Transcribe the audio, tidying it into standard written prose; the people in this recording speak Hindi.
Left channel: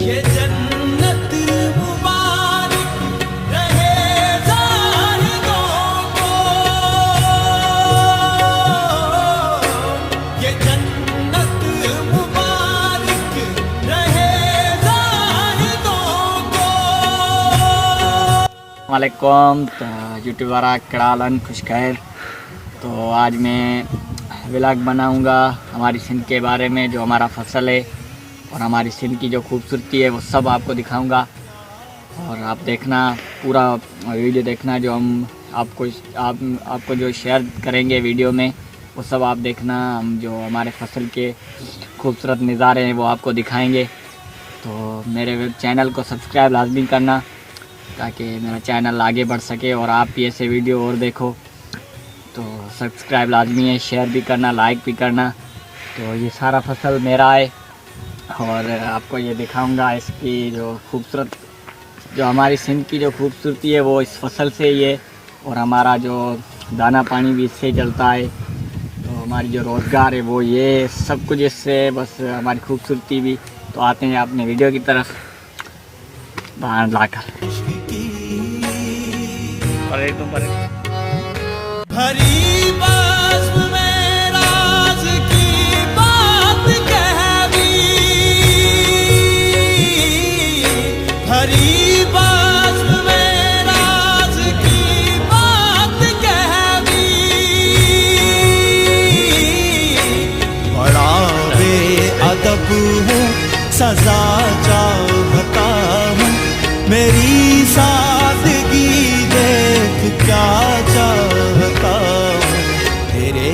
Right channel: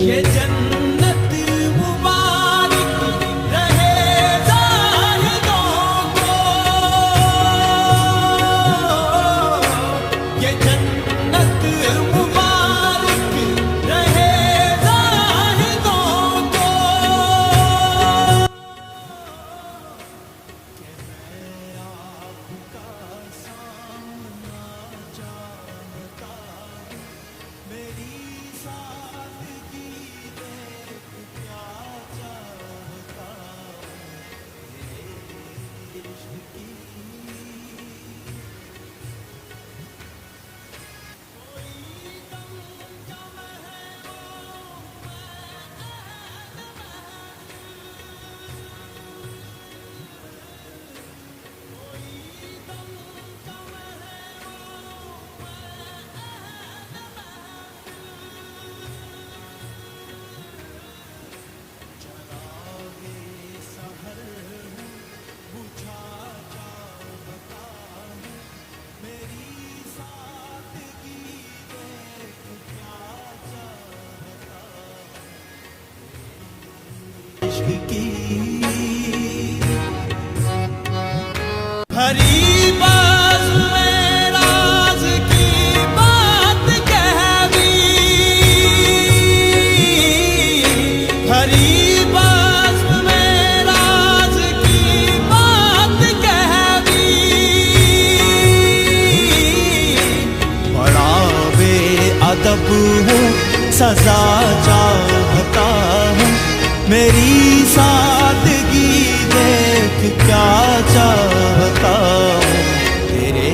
ये जन्नत मुबारक रहे जाहिदों को, ये जन्नत मुबारक रहे जाहिदों को। वालेकुम यूट्यूबर करालन खुश खैर। तो आज मैं व्लॉग बनाऊंगा हमारी सिंध के बारे में, जो हमारा फसल है और हमारी सिंध की जो खूबसूरती है वो सब आपको दिखाऊंगा। और आप देखना, पूरा वीडियो देखना, जो हम आपको जो शेयर करेंगे वीडियो में वो सब आप देखना। हम जो हमारे फसल के खूबसूरत नज़ारे हैं वो आपको दिखाएंगे। तो मेरे चैनल को सब्सक्राइब लाजमी करना ताकि मेरा चैनल आगे बढ़ सके और आप भी ऐसे वीडियो और देखो। तो सब्सक्राइब लाजमी है, शेयर भी करना, लाइक भी करना। तो ये सारा फसल मेरा है और आपको ये दिखाऊंगा इसकी जो खूबसूरत, जो हमारी सिंध की जो खूबसूरती है वो इस फसल से ही है। और हमारा जो दाना पानी भी इससे चलता है। तो हमारी जो रोज़गार है वो ये सब कुछ इससे, बस हमारी खूबसूरती भी। तो आते हैं अपने वीडियो की तरफ बाहर लाकर। हरी बाज में राज की बात कह दी, हरी बाज में राज की बात कह दी। बड़ा बेअदब हूँ, सजा चाहता हूँ, मेरी सादगी देख क्या चाहता हूँ। तेरे